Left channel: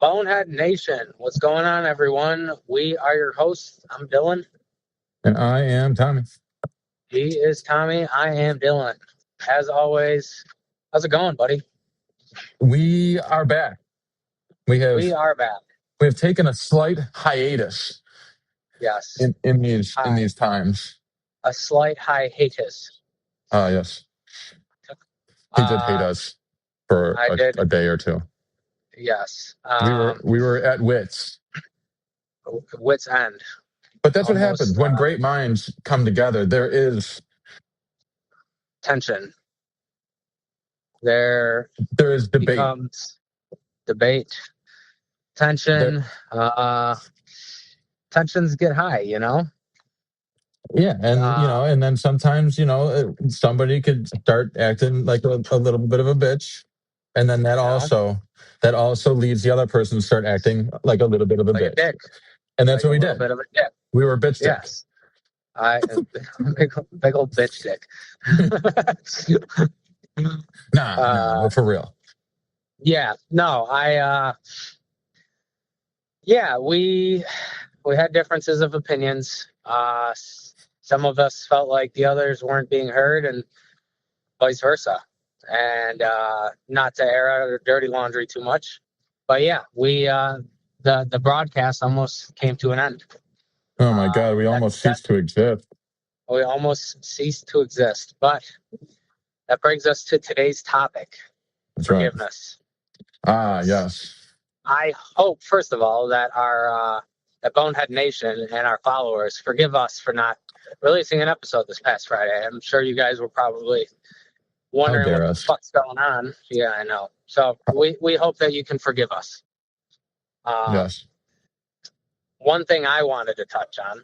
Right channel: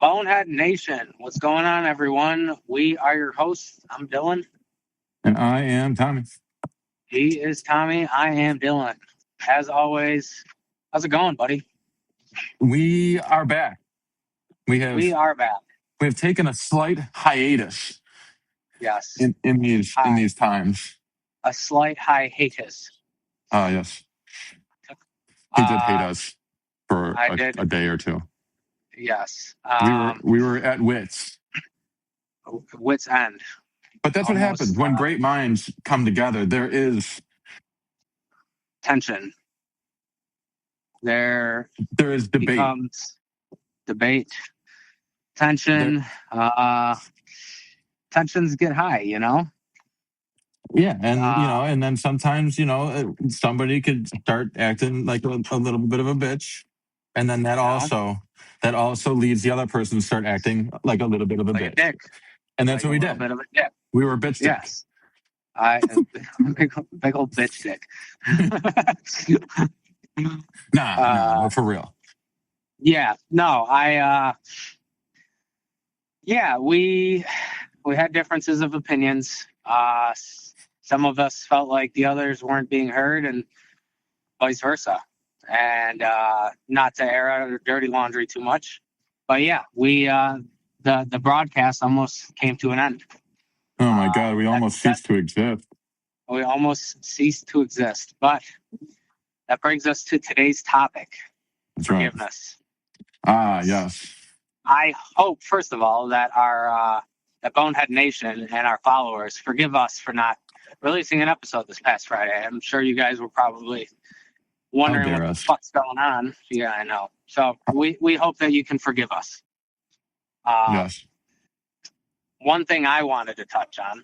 Bonehead Nation, what's going on, everyone? We are your hosts. I'm Dillon. And I am Tommy. He is Tommy. I am Dillon. As always, how's it going, buddy? We are back. We We have are back. we have taken a slight hiatus Yes. in Hi. these times. A slight hiatus. Yes, he did hate Uh, us for I did. a day or two. Yes. We were at wits, Wits end. but that's what Almost happens when great minds come together. There is tension. There debate. becomes debate. There, Tension. Tensions get high, yeah, and Uh, and then sometimes somebody could start acting like a little bit of a bitch, and then you know, that also leads the other person to start acting like a little bit of a like a bitch, dick. and that's Like what a we little did. bit of a dick. We were bitch dick. Yes. I big old bitch dick. Nah, but for real. Yeah, no, yeah, we had differences of opinions. Some of us felt like the others weren't being heard, and vice versa. And not to air out our dirty laundry too much, but yeah, we the broadcast almost came to an end. Oh my God, we That, almost that ceased to exist. we almost ceased to exist, but that brings us to today's topic: That's right. forgiveness. Yes. I hope, first of all, that our that Bonehead Nation and our followers forgive us for not releasing an episode this past Friday. I'm sure you guys were probably How wondering dare what the us? fuck's going on. Yeah, I know. So we hope that you can forgive us. Yes. One thing I wanted to touch on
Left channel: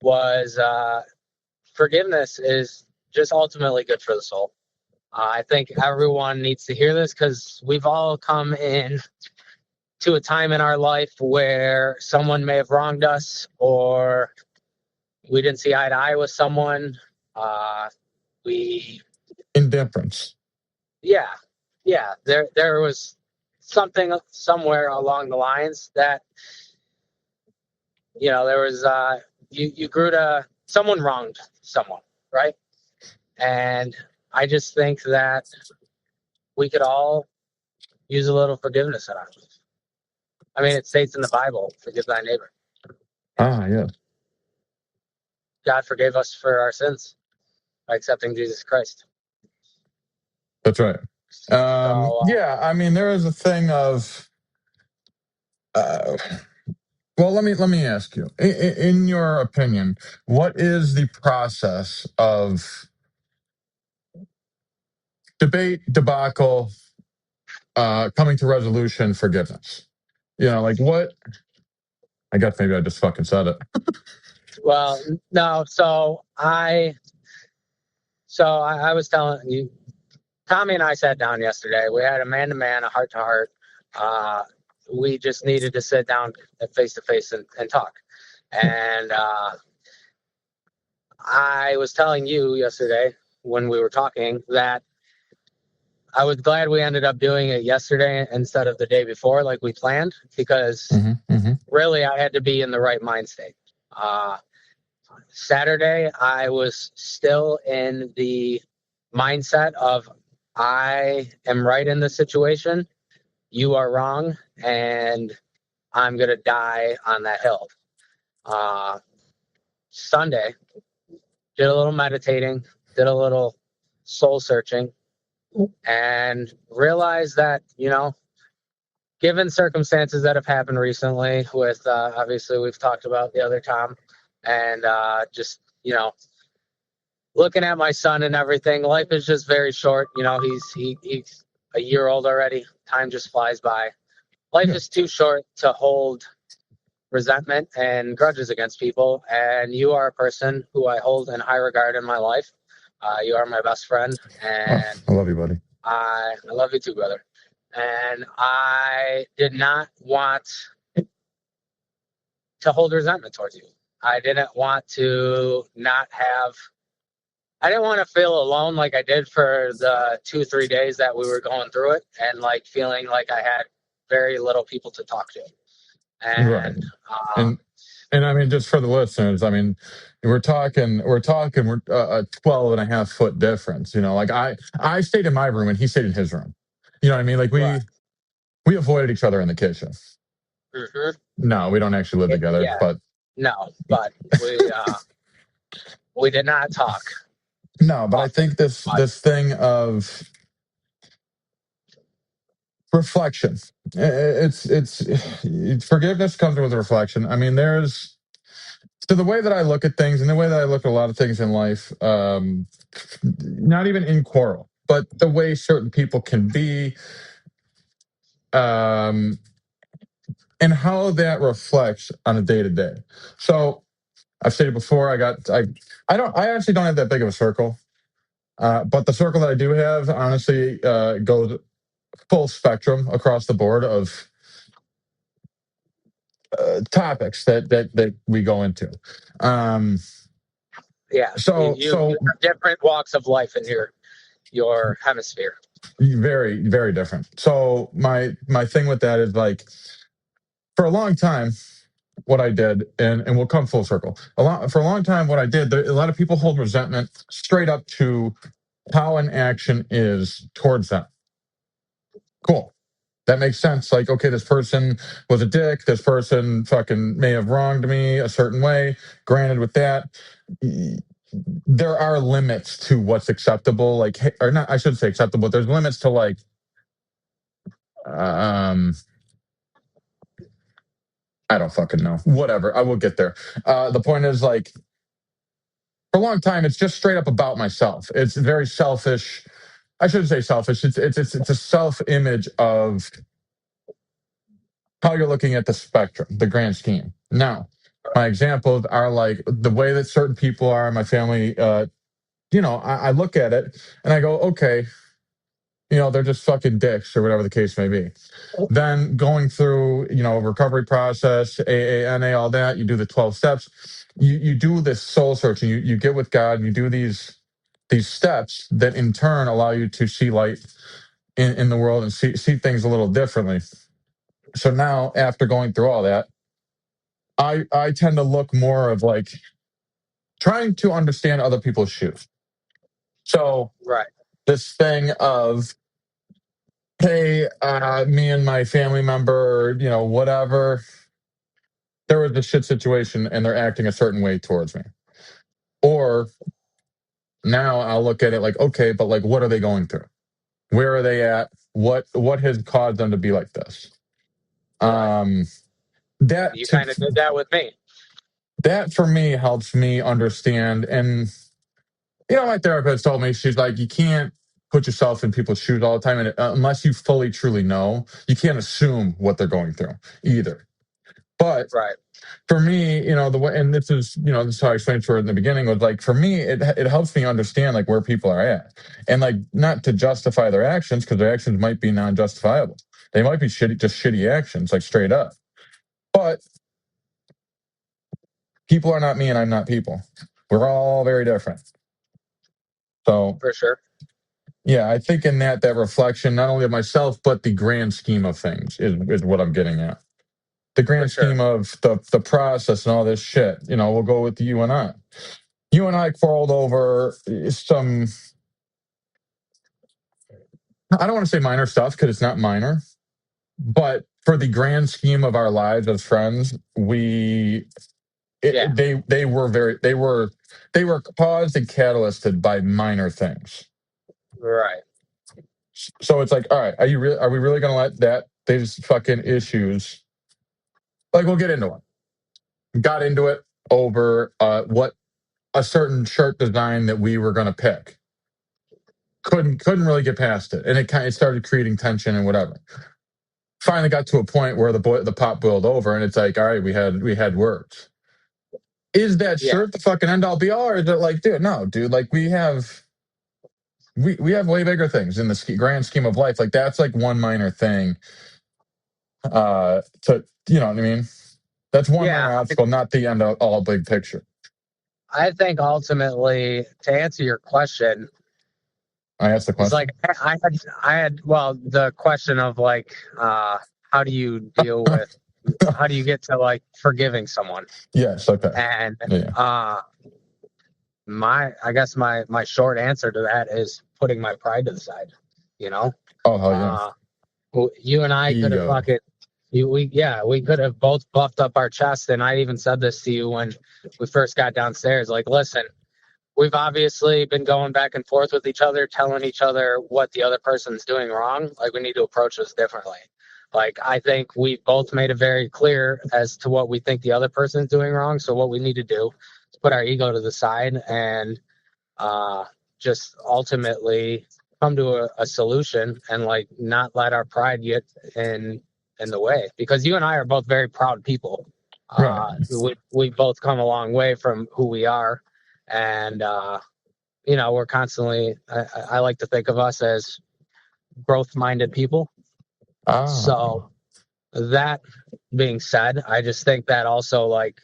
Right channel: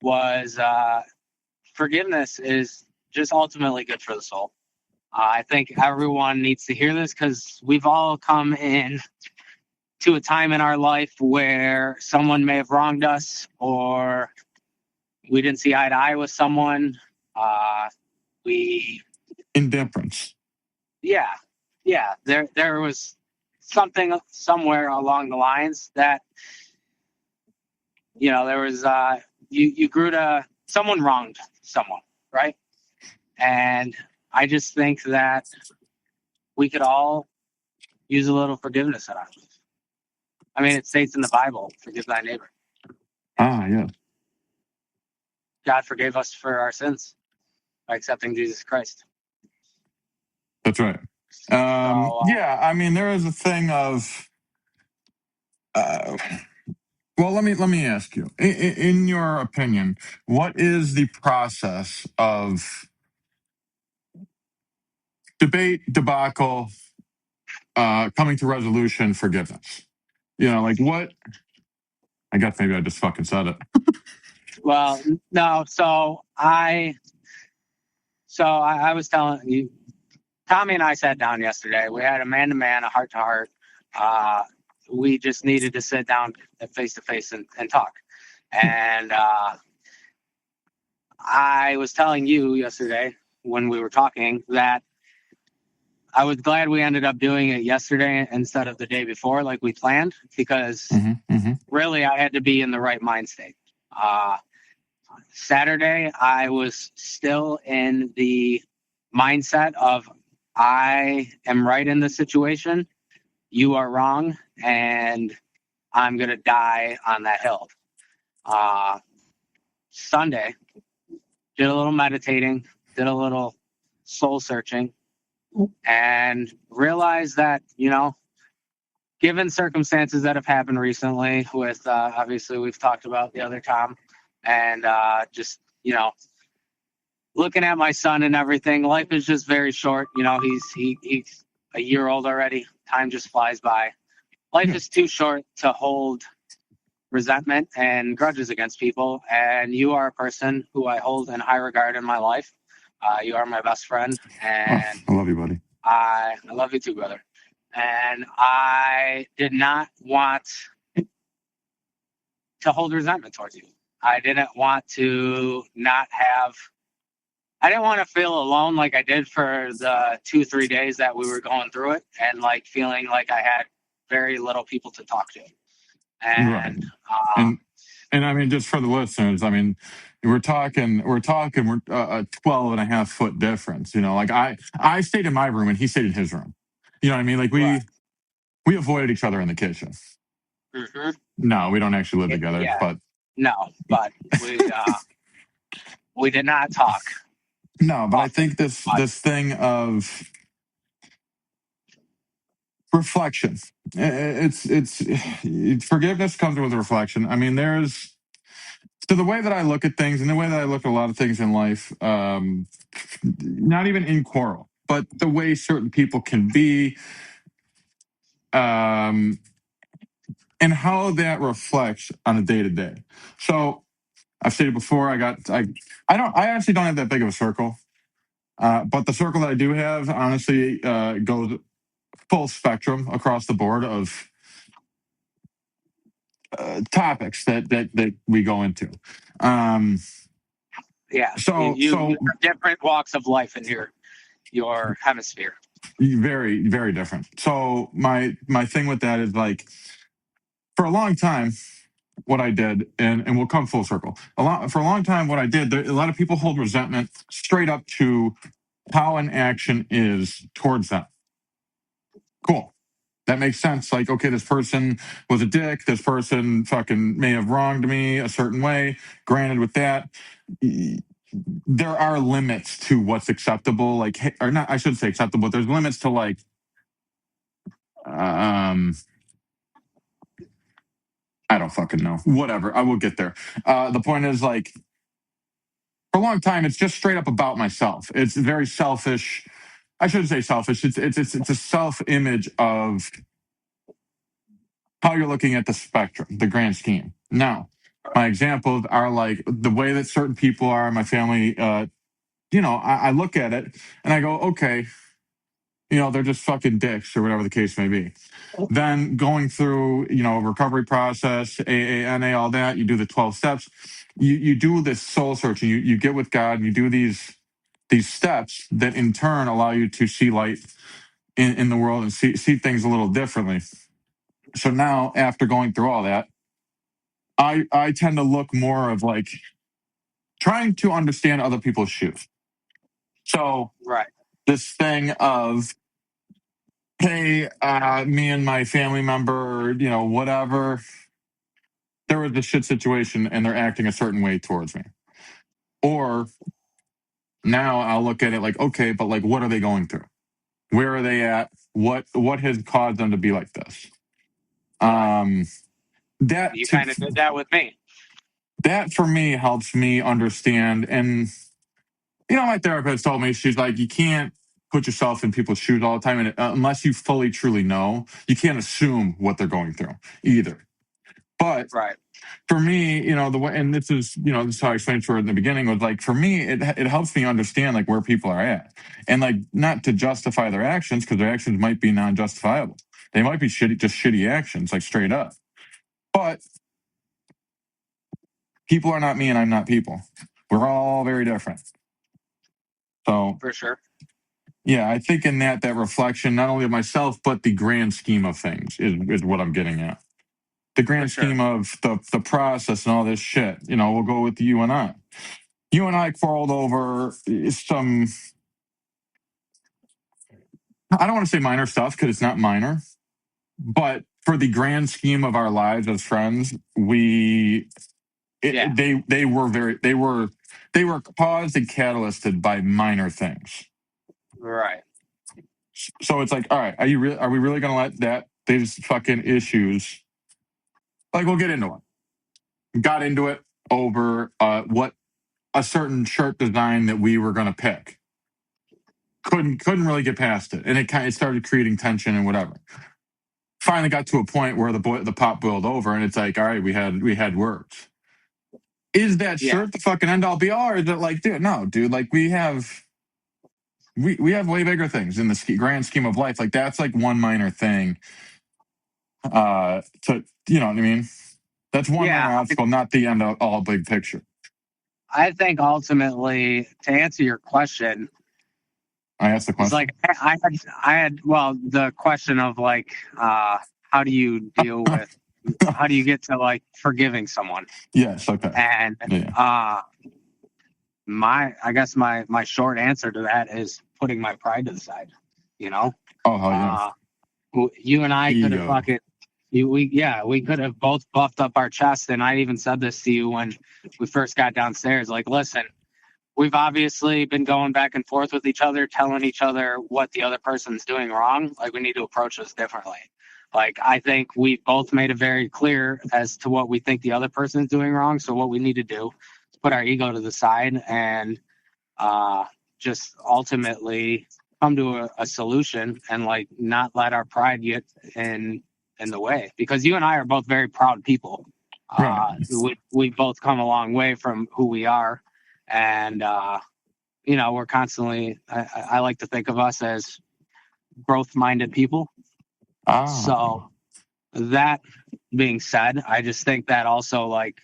was forgiveness is just ultimately good for the soul. I think everyone needs to hear this because we've all come in to a time in our life where someone may have wronged us or we didn't see eye to eye with someone. We, Indifference. yeah, yeah, there was something somewhere along the lines that, there was, you grew to, someone wronged someone, right? And I just think that we could all use a little forgiveness in our life. I mean, it states in the Bible, forgive thy neighbor. Yes. God forgave us for our sins by accepting Jesus Christ. That's right. So, Yeah, I mean, there is a thing of. Uh, well, let me ask you. In your opinion, what is the process of debate, debacle, coming to resolution, forgiveness? Like what? I guess maybe I just fucking said it. well, no, I was telling you, Tommy and I sat down yesterday. We had a man to man, a heart to heart. We just needed to sit down face to face and talk. And I was telling you yesterday when we were talking that I was glad we ended up doing it yesterday instead of the day before, like we planned, because really I had to be in the right mind state. Saturday, I was still in the mindset of I am right in the situation, you are wrong, and I'm going to die on that hill. Sunday, did a little meditating, did a little soul searching, and realized that, given circumstances that have happened recently with, obviously we've talked about the other Tom, and just, looking at my son and everything, life is just very short. He's a year old already. Time just flies by. Life is too short to hold resentment and grudges against people. And you are a person who I hold in high regard in my life. You are my best friend, and I love you, buddy. I love you too, brother. And I did not want to hold resentment towards you. I didn't want to not have I didn't want to feel alone like I did for the 2-3 days that we were going through it, and like feeling like I had very little people to talk to. Right. And And I mean, just for the listeners, I mean, we're talking a 12 and a half foot difference, like I stayed in my room and he stayed in his room. You know what I mean? Like right. we avoided each other in the kitchen. Mm-hmm. No, we don't actually live together, Yeah. but No, but we did not talk no, but I often. think this But this thing of reflection, it's forgiveness comes with reflection. I mean, so the way that I look at things and the way that I look at a lot of things in life, not even in quarrel, but the way certain people can be, um, and how that reflects on a day to day. So I've stated before, I actually don't have that big of a circle, but the circle that I do have honestly goes full spectrum across the board of topics that we go into. Um, yeah, you so have different walks of life in your hemisphere. very very different. So my thing with that is like for a long time what I did, and we'll come full circle. For a long time, what I did, a lot of people hold resentment straight up to how an action is towards them. Cool. That makes sense. Like, okay, this person was a dick. This person fucking may have wronged me a certain way. Granted, with that, there are limits to what's acceptable. Like, or not, I shouldn't say acceptable. There's limits to like, um, I don't fucking know. Whatever. I will get there. The point is like, for a long time, it's just straight up about myself. It's very selfish. I shouldn't say selfish. It's a self image of how you're looking at the spectrum, the grand scheme. Now, my examples are like the way that certain people are in my family. I look at it and I go, okay, they're just fucking dicks or whatever the case may be. Then going through, recovery process, AANA, all that, you do the 12 steps. You do this soul searching. You get with God. And you do these steps that in turn allow you to see light in the world and see things a little differently. So now, after going through all that, I tend to look more of like trying to understand other people's shoes. So Right. this thing of, hey, me and my family member, whatever, there was a shit situation and they're acting a certain way towards me. Or now I'll look at it like, okay, but like, what are they going through? Where are they at? What has caused them to be like this? Right. Um, that You to kind of did that with me. that for me helps me understand. And my therapist told me, she's like, you can't put yourself in people's shoes all the time, and unless you fully truly know, you can't assume what they're going through either. But Right. for me, the way, and this is how I explained to her in the beginning, was like, for me, it helps me understand like where people are at, and like not to justify their actions, because their actions might be non-justifiable. They might be just shitty actions, like straight up. But people are not me, and I'm not people. We're all very different. So For sure. yeah, I think in that reflection, not only of myself, but the grand scheme of things is what I'm getting at. The For grand sure. scheme of the process and all this shit. We'll go with you and I. You and I quarreled over some, I don't want to say minor stuff because it's not minor, but for the grand scheme of our lives as friends, Yeah. they were caused and catalysted by minor things. Right. So it's like, all right, are we really going to let these fucking issues, like, we'll get into it. Got into it over what a certain shirt design that we were going to pick. Couldn't really get past it, and it started creating tension and whatever. Finally got to a point where the pot boiled over, and it's like, all right, we had words. Is that Yeah. shirt the fucking end all be all, or is it like, dude, no, dude, like we have way bigger things in the grand scheme of life. Like that's like one minor thing. To you know what I mean? That's one Yeah. minor obstacle, not the end of all big picture. I think ultimately, to answer your question, I asked the it's question. like I had well the question of like how do you deal with, how do you get to like forgiving someone? Yes. Okay. And Yeah. I guess my short answer to that is putting my pride to the side. You know, Oh hell yeah. you and I could have Ego. fucking, we could have both buffed up our chest. And I even said this to you when we first got downstairs. Like, listen, we've obviously been going back and forth with each other, telling each other what the other person's doing wrong. Like, we need to approach this differently. Like, I think we both made it very clear as to what we think the other person is doing wrong. So what we need to do is put our ego to the side and just ultimately come to a solution and like not let our pride get in the way. Because you and I are both very proud people. Right. We both come a long way from who we are, and we're constantly. I like to think of us as growth-minded people. So that being said, I just think that also like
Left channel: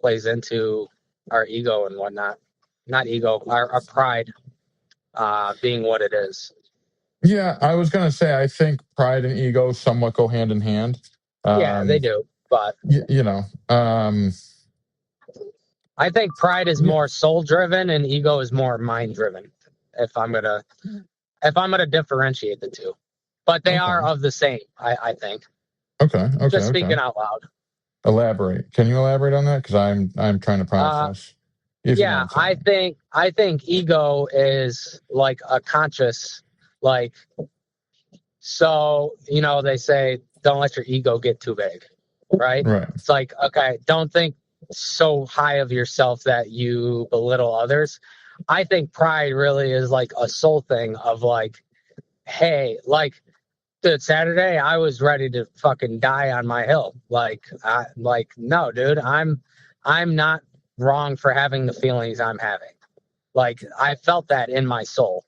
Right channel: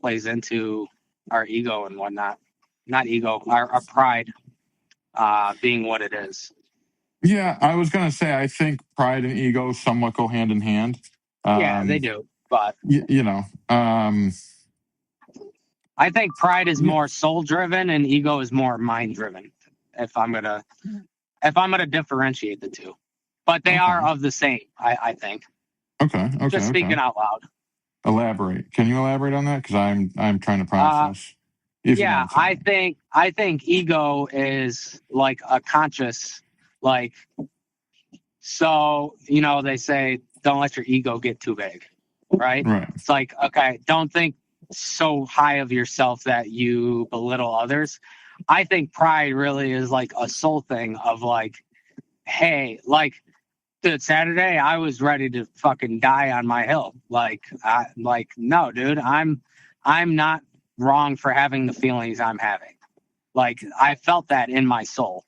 plays into our ego and whatnot. Not ego, our pride being what it is. Yeah, I was gonna say I think pride and ego somewhat go hand in hand. Yeah, they do. But You know, I think pride is yeah, more soul driven and ego is more mind driven. If I'm gonna differentiate the two, but they are okay, of the same. I think. Just okay. speaking out loud. Elaborate. Can you elaborate on that? Because I'm trying to Uh, process. If you know what yeah, I'm saying. I think ego is like a conscious, like, so they say don't let your ego get too big, right? Right. It's like, okay, don't think so high of yourself that you belittle others. I think pride really is like a soul thing of like, hey, like, dude, Saturday I was ready to fucking die on my hill. Like, no, dude, I'm not wrong for having the feelings I'm having. Like, I felt that in my soul.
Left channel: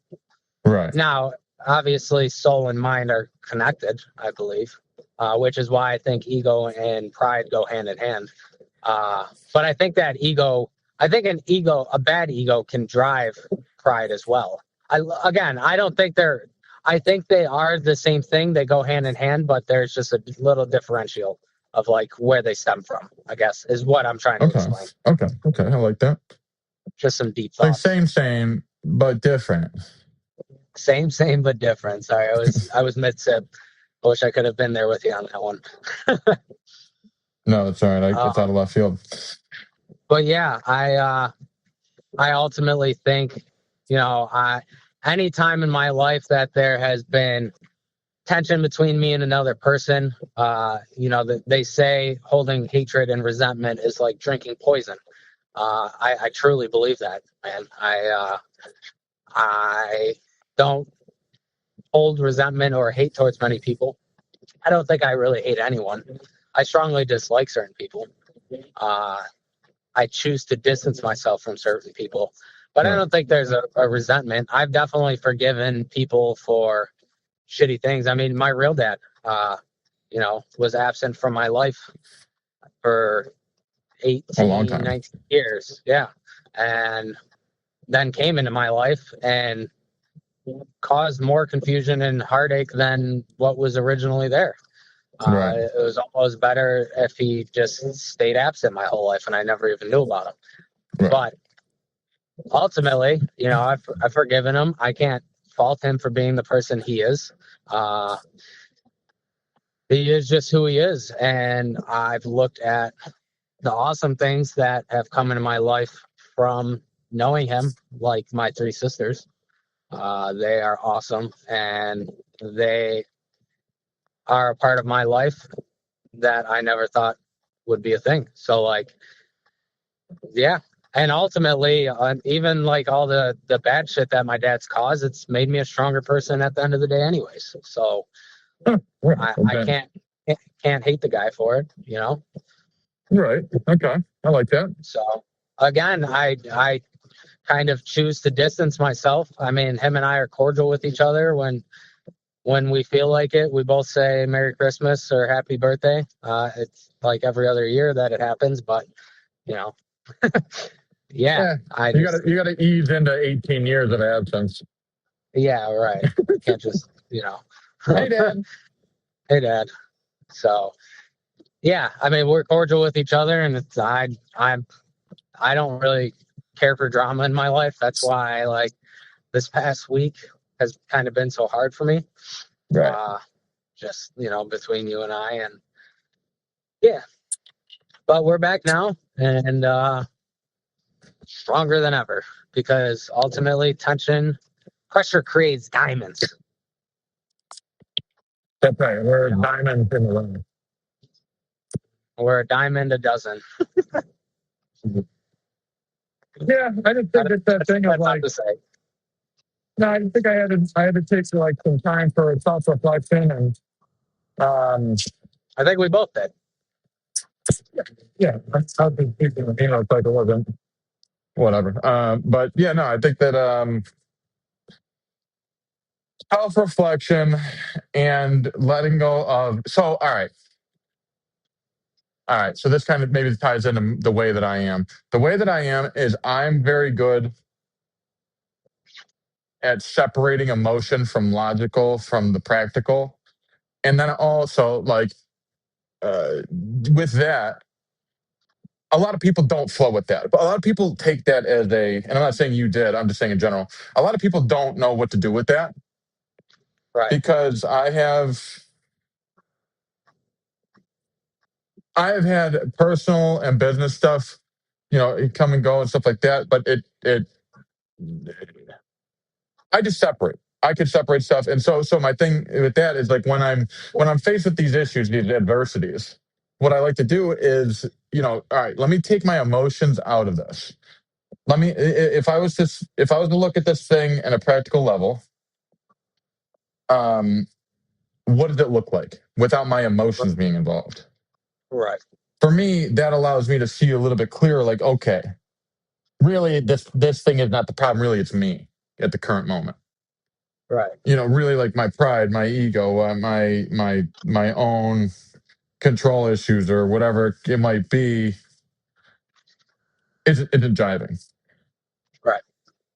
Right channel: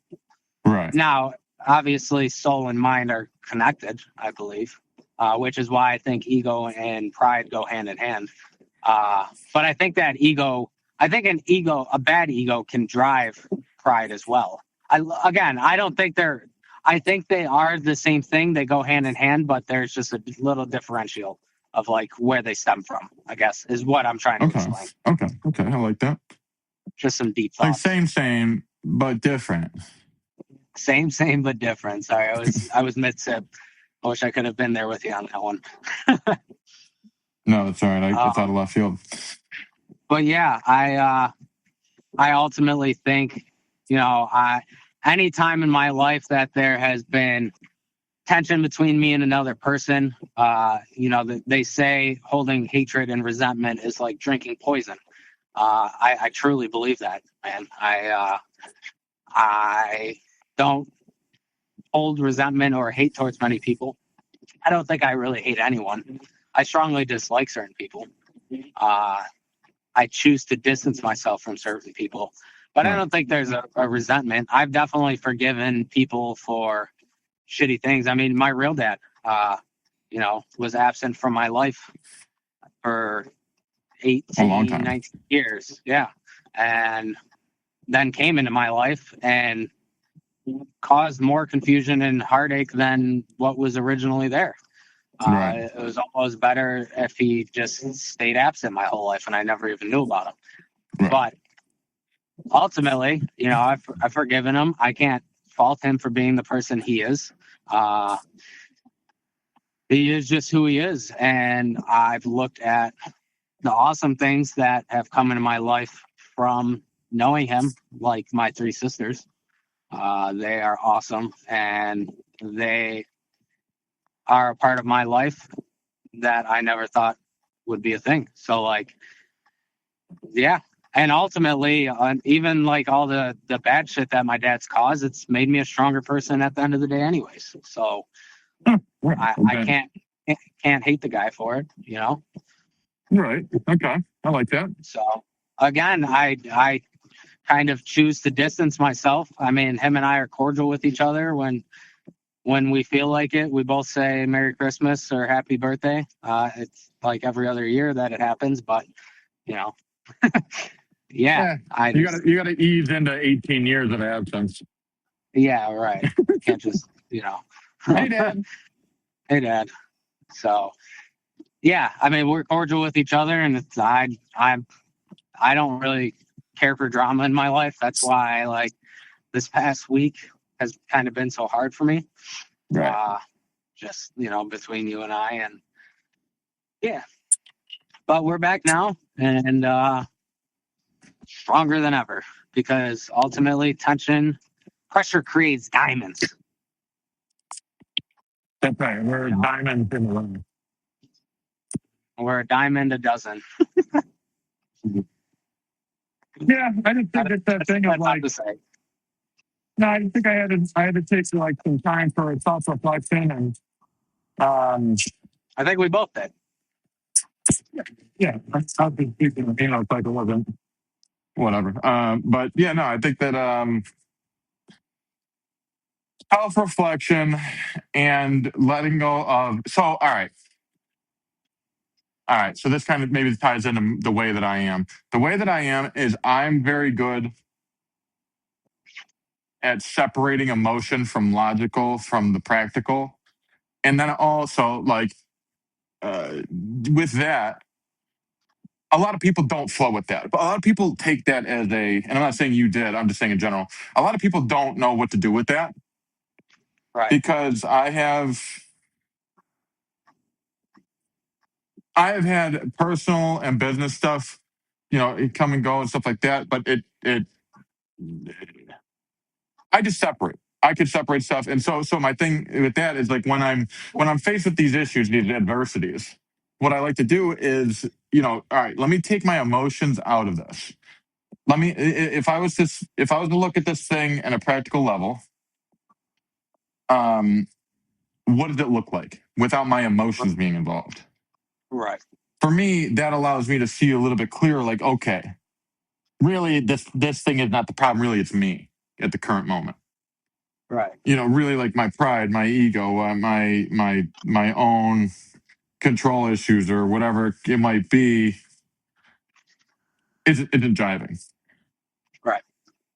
Right. Now, obviously, soul and mind are connected, I believe, which is why I think ego and pride go hand in hand. But I think that a bad ego can drive pride as well. I don't think I think they are the same thing. They go hand in hand, but there's just a little differential of like where they stem from, I guess, is what I'm trying to Okay. explain. Okay. I like that. Just some deep Like thoughts. same, but different. Same, but different. Sorry, I was mid sip. I wish I could have been there with you on that one. No, that's all right. It's out of left field. But yeah, I ultimately think, any time in my life that there has been tension between me and another person, they say holding hatred and resentment is like drinking poison. I truly believe that, man. I don't hold resentment or hate towards many people. I don't think I really hate anyone. I strongly dislike certain people. I choose to distance myself from certain people, but I Right. don't think there's a resentment. I've definitely forgiven people for shitty things. I mean, my real dad, was absent from my life for A long 18, time. 19 years. Yeah. And then came into my life and caused more confusion and heartache than what was originally there. Right. It was almost better if he just stayed absent my whole life and I never even knew about him. Right. But ultimately, I've forgiven him. I can't fault him for being the person he is. Uh, he is just who he is. And I've looked at the awesome things that have come into my life from knowing him, like my three sisters. They are awesome and they are a part of my life that I never thought would be a thing. So, like, yeah. And ultimately, even like all the bad shit that my dad's caused, it's made me a stronger person at the end of the day, anyways. So Right. I Okay. can't hate the guy for it. Right. Okay. I like that. So again, I kind of choose to distance myself. I mean, him and I are cordial with each other when we feel like it. We both say Merry Christmas or Happy Birthday. It's like every other year that it happens, but you know, yeah. Yeah. I You just gotta ease into 18 years of absence. Yeah, right. Can't just Hey, Dad. Hey, Dad. So yeah, I mean, we're cordial with each other, and it's I don't really care for drama in my life. That's why like this past week has kind of been so hard for me. Right. Just between you and I, and yeah, but we're back now, and stronger than ever, because ultimately pressure creates diamonds. That's right. We're diamonds in the rough. We're a diamond a dozen. Yeah, I just think it's that thing of That's not like, to say. no, I think I had to take like some time for self reflection and I think we both did. yeah, I was just speaking, it's like it wasn't whatever. But yeah, no, I think that self reflection and letting go of. So all right. So this kind of maybe ties into the way that I am. The way that I am is I'm very good at separating emotion from logical, from the practical, and then also like with that, a lot of people don't flow with that. But a lot of people take that as and I'm not saying you did. I'm just saying in general. A lot of people don't know what to do with that Right. because I have had personal and business stuff, it come and go and stuff like that. But I just separate. I could separate stuff, and so my thing with that is like when I'm faced with these issues, these adversities, what I like to do is, all right, let me take my emotions out of this. Let me, if I was to look at this thing at a practical level, um, what does it look like without my emotions being involved? Right. For me, that allows me to see a little bit clearer. Like, okay, really, this thing is not the problem. Really, it's me at the current moment. Right. Really like my pride, my ego, my own control issues or whatever it might be isn't jiving. Right.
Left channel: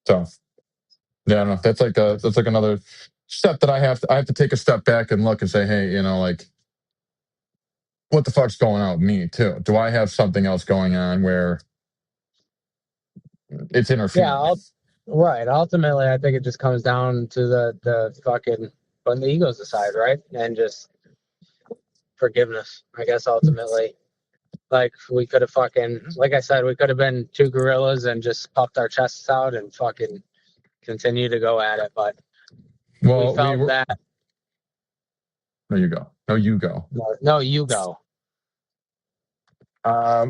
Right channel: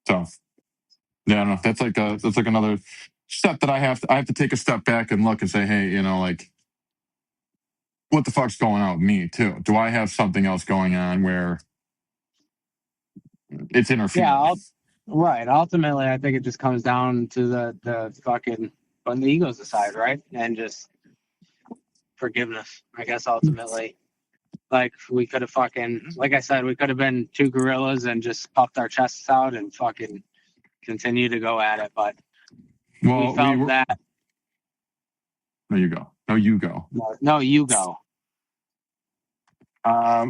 So yeah, I don't know. That's like another step that I have to take a step back and look and say, hey, like what the fuck's going on with me too? Do I have something else going on where it's Yeah. interfering? Right. Ultimately, I think it just comes down to the fucking putting the egos aside, right, and just forgiveness. I guess ultimately, like we could have like I said, we could have been two gorillas and just puffed our chests out and fucking continue to go at it, but we Well, we felt were. that. No, you go. No, you go. No, you go.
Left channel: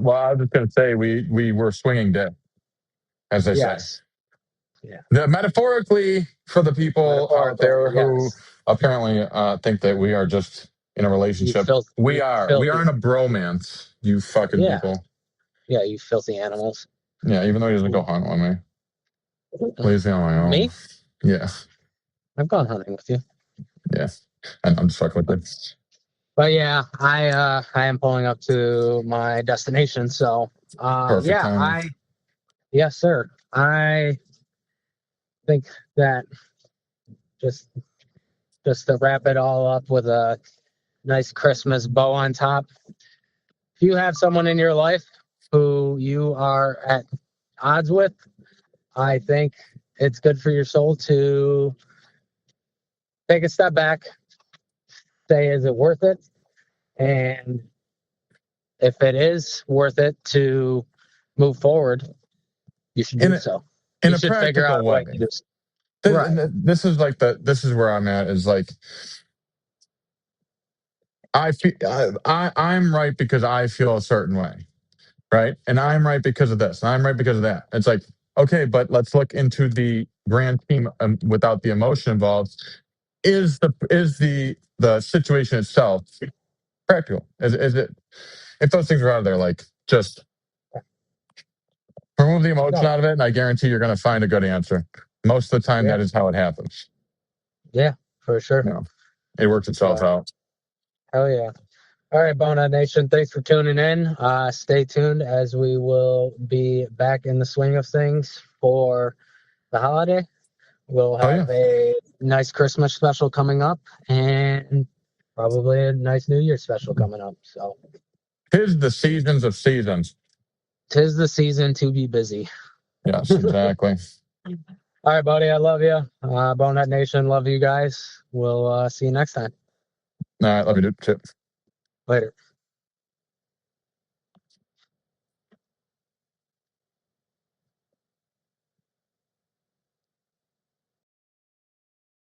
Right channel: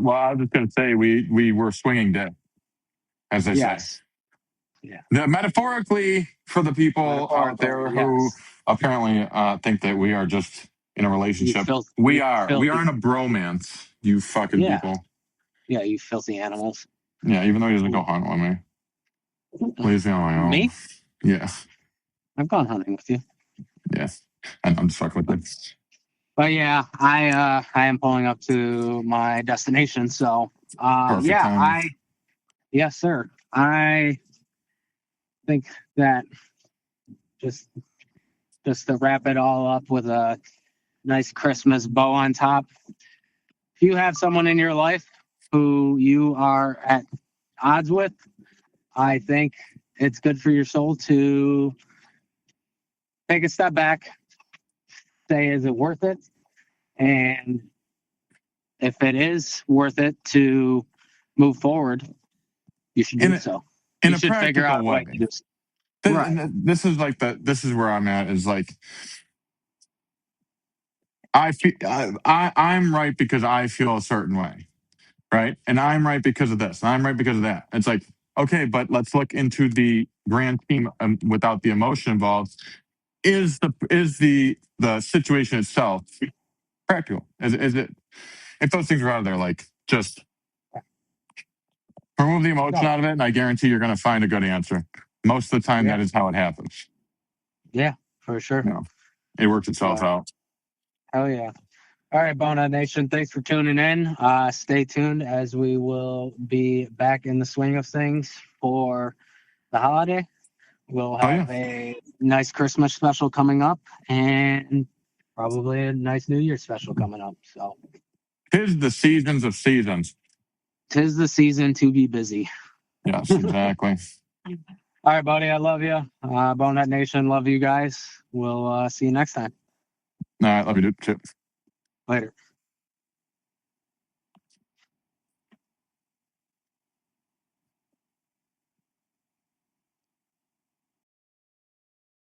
Well, I was just gonna say we were swinging dead, as they say. Yes. Yeah. Metaphorically, for the people out Metaphorically, there who yes. apparently think that we are just in a relationship, we You are. We are filthy. in a bromance. You fucking Yeah. people. Yeah, you filthy animals. Yeah, even though he doesn't go hunting with me, leaves me on my own. Me? Yeah, I've gone hunting with you. yeah. And I'm just fucking with it. But yeah, I am pulling up to my destination. So Perfect yeah, timing. yes, sir. I think that just just to wrap it all up with a nice Christmas bow on top. If you have someone in your life who you are at odds with, I think it's good for your soul to take a step back, say, is it worth it? And if it is worth it to move forward, you should In do a, so. in You a should figure out practical a way way. to do so. Right. This is like this is where I'm at. Is like I feel I'm right because I feel a certain way, right? And I'm right because of this, and I'm right because of that. It's like, okay, but let's look into the grand scheme without the emotion involved. Is the situation itself practical? Is it if those things are out of there, like just remove the emotion No. out of it, and I guarantee you're going to find a good answer. Most of the time, Yeah. that is how it happens. Yeah, for sure. It works itself But out. hell yeah. All right, Bonehead Nation, thanks for tuning in. Stay tuned as we will be back in the swing of things for the holiday. We'll Oh yeah. have a nice Christmas special coming up, and probably a nice New Year special coming up. So, 'Tis the seasons of seasons. 'tis the season to be busy. Yes, exactly. All right, buddy. I love you. Bonehead Nation, love you guys. We'll see you next time. All right, love you, dude. Chip. Later.